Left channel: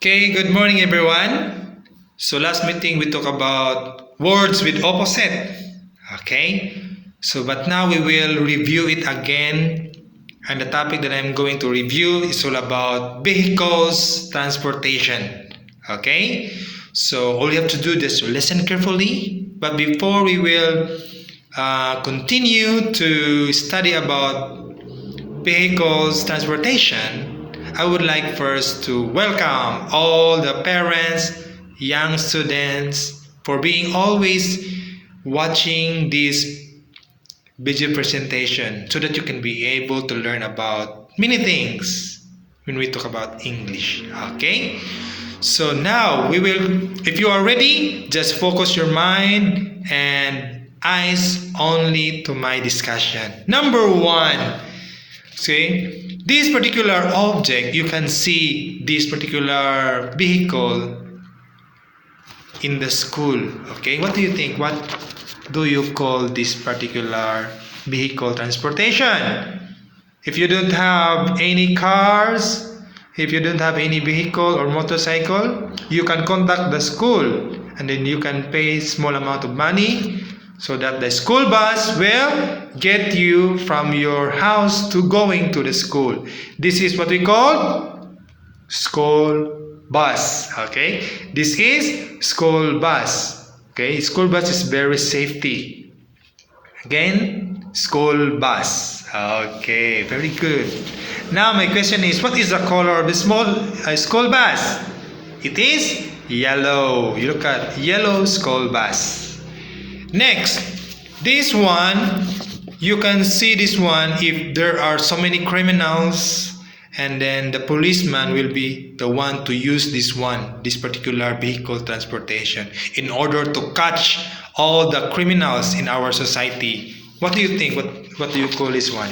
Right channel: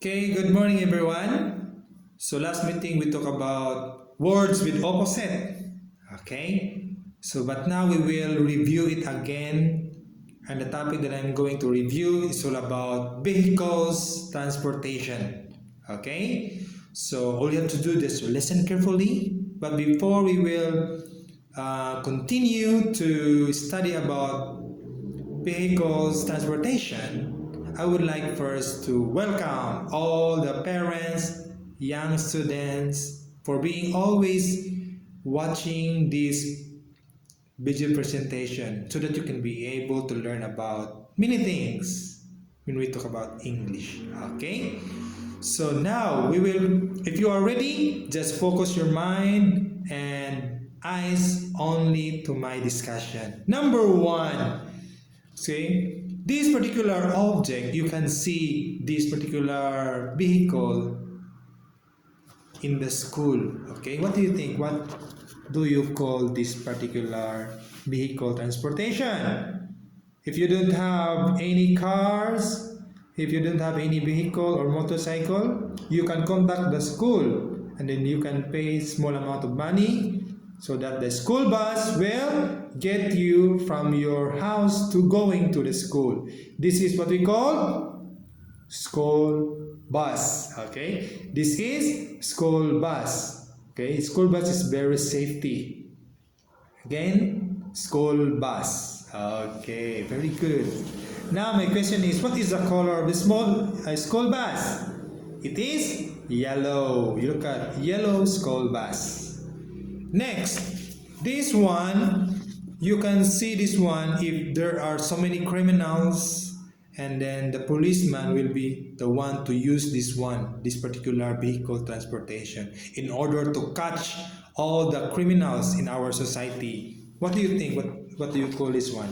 Okay, good morning everyone. So last meeting we talked about words with opposite. Okay, but now we will review it again. And the topic that I'm going to review is all about vehicles, transportation. Okay, so all you have to do is to listen carefully. But before we will continue to study about vehicles, transportation, I would like first to welcome all the parents, young students for being always watching this video presentation so that you can be able to learn about many things when we talk about English. Okay? So now we will, if you are ready, just focus your mind and eyes only to my discussion. Number one, see, this particular object, you can see this particular vehicle in the school. Okay, what do you think? What do you call this particular vehicle transportation? If you don't have any cars, if you don't have any vehicle or motorcycle, you can contact the school and then you can pay small amount of money so that the school bus will get you from your house to going to the school. This is what we call school bus. Okay, this is school bus. Okay, school bus is very safety. Again, school bus. Okay, very good. Now my question is, what is the color of the school bus? It is yellow. You look at yellow school bus. Next, this one, you can see this one if there are so many criminals, and then the policeman will be the one to use this particular vehicle transportation in order to catch all the criminals in our society. What do you think? What do you call this one?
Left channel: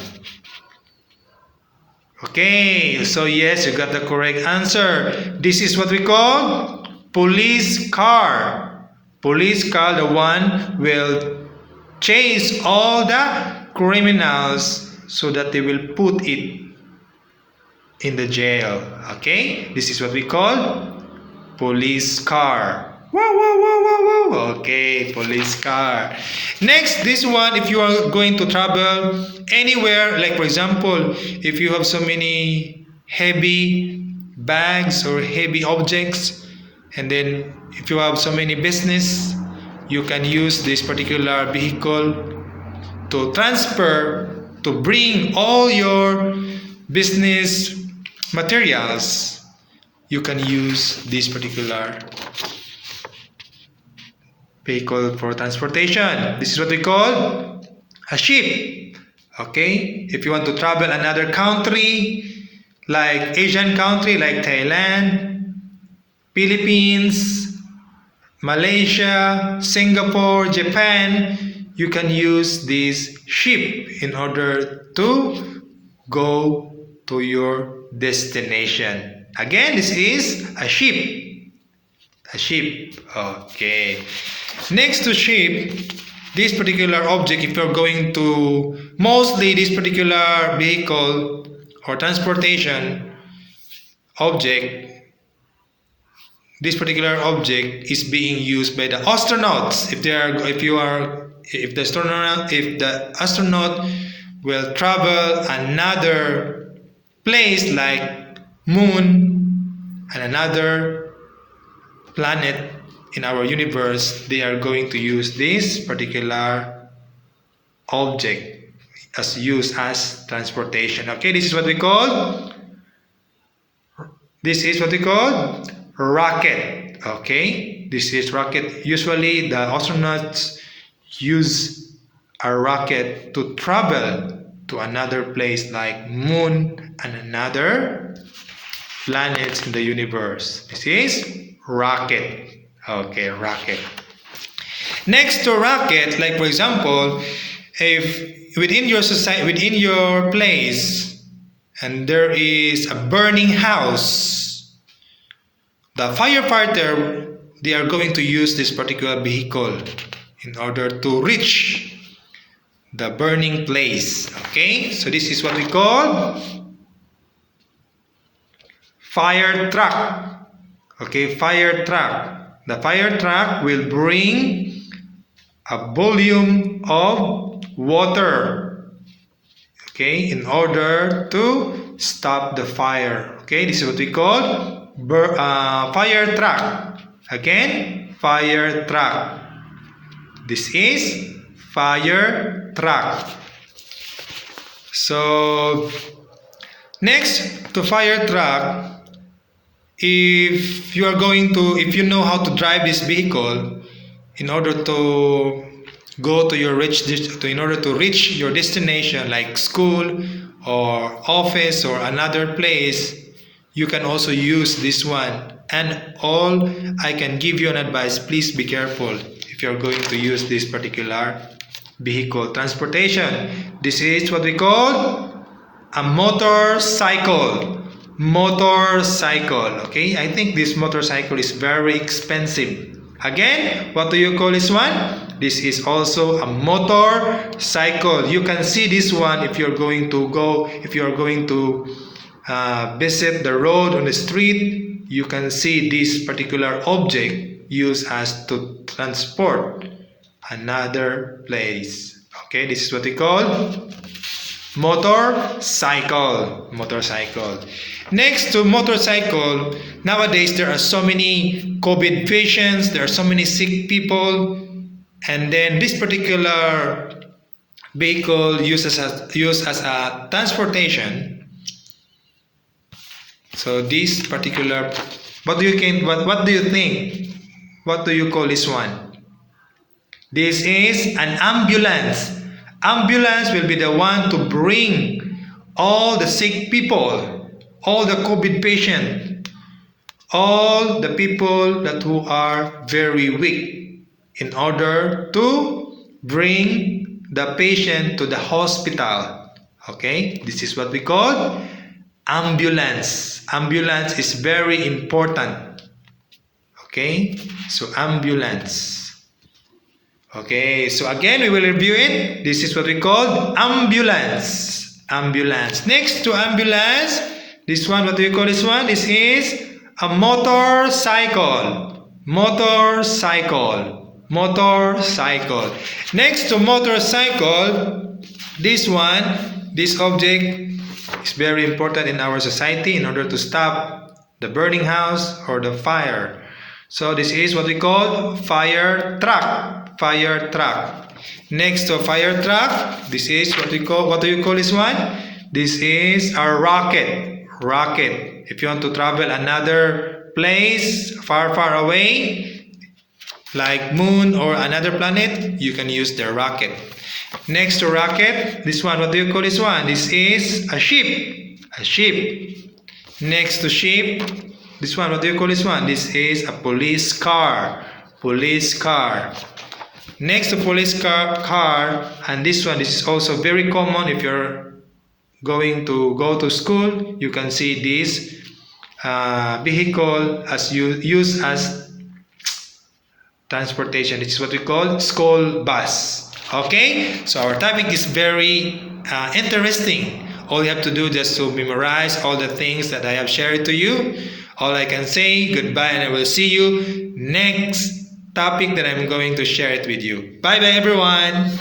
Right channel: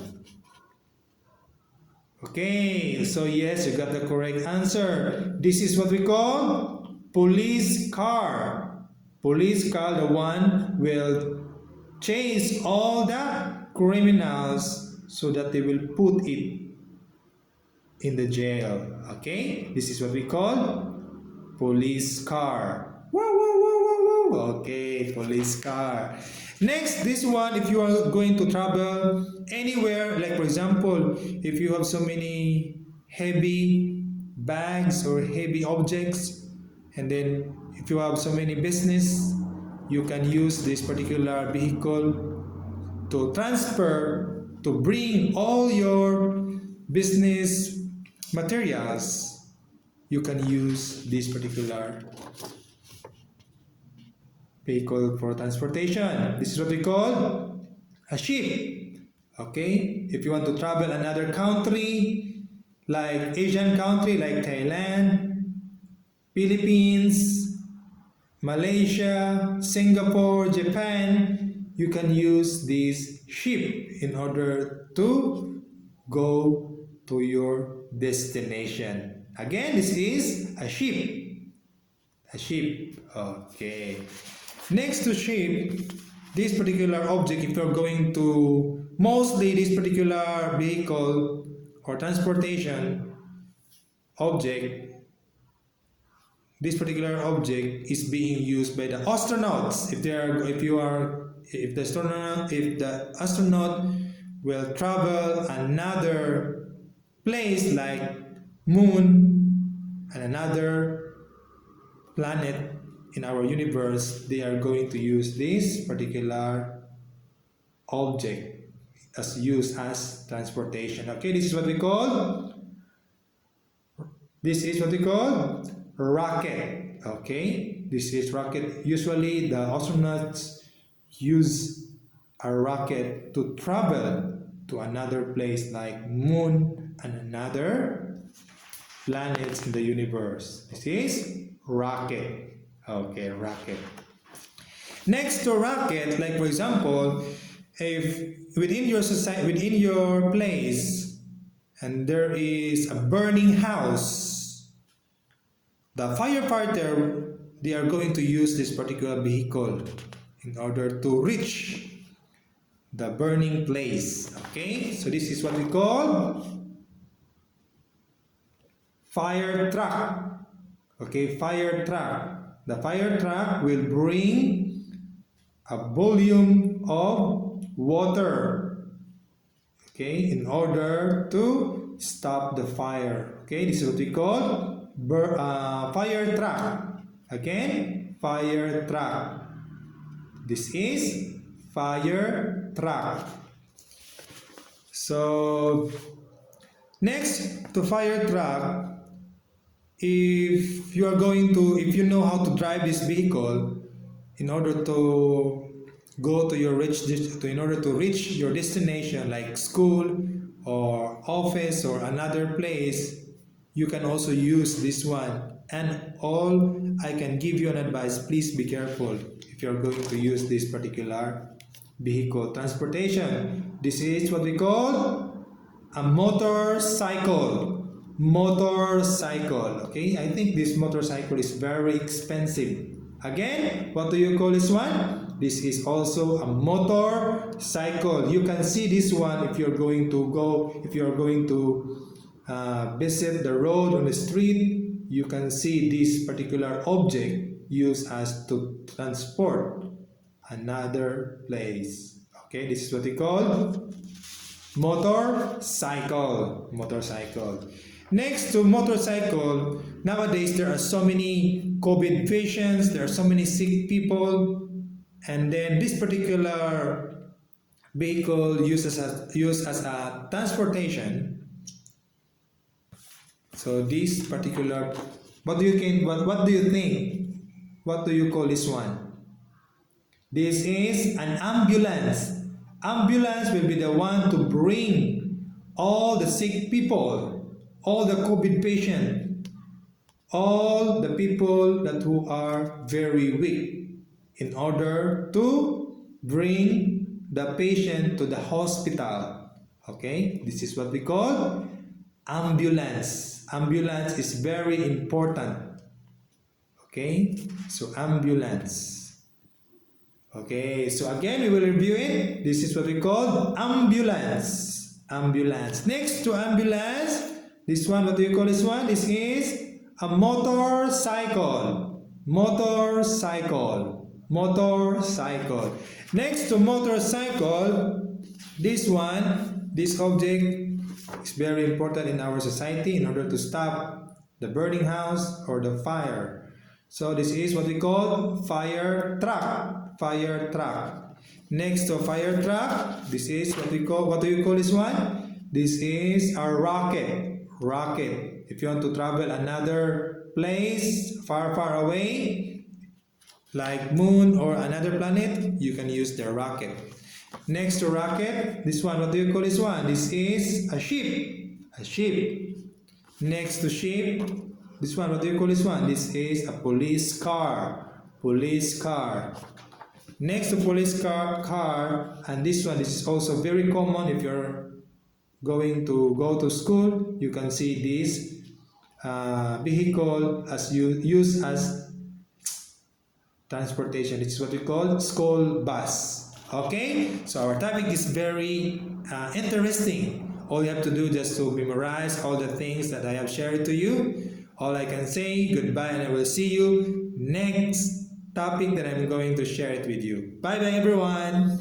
Okay, so yes, you got the correct answer. This is what we call police car. Police car, the one will chase all the criminals so that they will put it in the jail. Okay, this is what we call police car. Wow, wow, wow, wow, wow. Okay, police car. Next, this one, if you are going to travel anywhere, like for example, if you have so many heavy bags or heavy objects, and then if you have so many business, you can use this particular vehicle to transfer, to bring all your business materials. You can use this particular vehicle for transportation. This is what we call a ship. Okay, if you want to travel another country, like Asian country like Thailand, Philippines, Malaysia, Singapore, Japan, you can use this ship in order to go to your destination. Again, this is a ship. A ship. Okay. Next to ship, this particular object, if you're going to, mostly this particular vehicle or transportation object, this particular object is being used by the astronauts. If the astronaut will travel another place like moon and another planet in our universe, they are going to use this particular object as used as transportation. Okay, this is what we call rocket. Okay, this is rocket. Usually the astronauts use a rocket to travel to another place like moon and another planets in the universe. This is rocket. Okay, rocket. Next to rocket, like for example, if within your society, within your place, and there is a burning house, the firefighter, they are going to use this particular vehicle in order to reach the burning place. Okay, so this is what we call fire truck. Okay, fire truck. The fire truck will bring a volume of water, okay, in order to stop the fire. Okay, this is what we call fire truck. Again, fire truck. This is fire truck. So next to fire truck, if you know how to drive this vehicle, in order to in order to reach your destination like school or office or another place, you can also use this one. And all I can give you an advice, please be careful if you're going to use this particular vehicle transportation. This is what we call a motorcycle. Okay, I think this motorcycle is very expensive. Again, what do you call this one? This is also a motorcycle. You can see this one if you're going to visit the road on the street. You can see this particular object used as to transport another place. Okay, this is what we call motorcycle. Next to motorcycle, nowadays there are so many COVID patients, there are so many sick people, and then this particular vehicle used as a transportation. So this particular, what do you think? What do you call this one? This is an ambulance. Ambulance will be the one to bring all the sick people, all the COVID patients, all the people who are very weak, in order to bring the patient to the hospital. Okay, this is what we call ambulance. Ambulance is very important. Okay, so ambulance. Okay, so again we will review it. This is what we call ambulance. Next to ambulance, this one, what do you call this one? This is a motorcycle. Next to motorcycle, this object is very important in our society in order to stop the burning house or the fire. So this is what we call fire truck. Next to fire truck, this is what do you call this one? This is a rocket. If you want to travel another place far away, like moon or another planet, you can use the rocket. Next to rocket, this one, what do you call this one? This is a ship. Next to ship, this one, what do you call this one? This is a police car. Next to police car, and this is also very common if you're going to go to school. You can see this vehicle as used as transportation. This is what we call school bus. Okay, so our topic is very interesting. All you have to do is to memorize all the things that I have shared to you. All I can say, goodbye, and I will see you next topic that I'm going to share it with you. Bye everyone.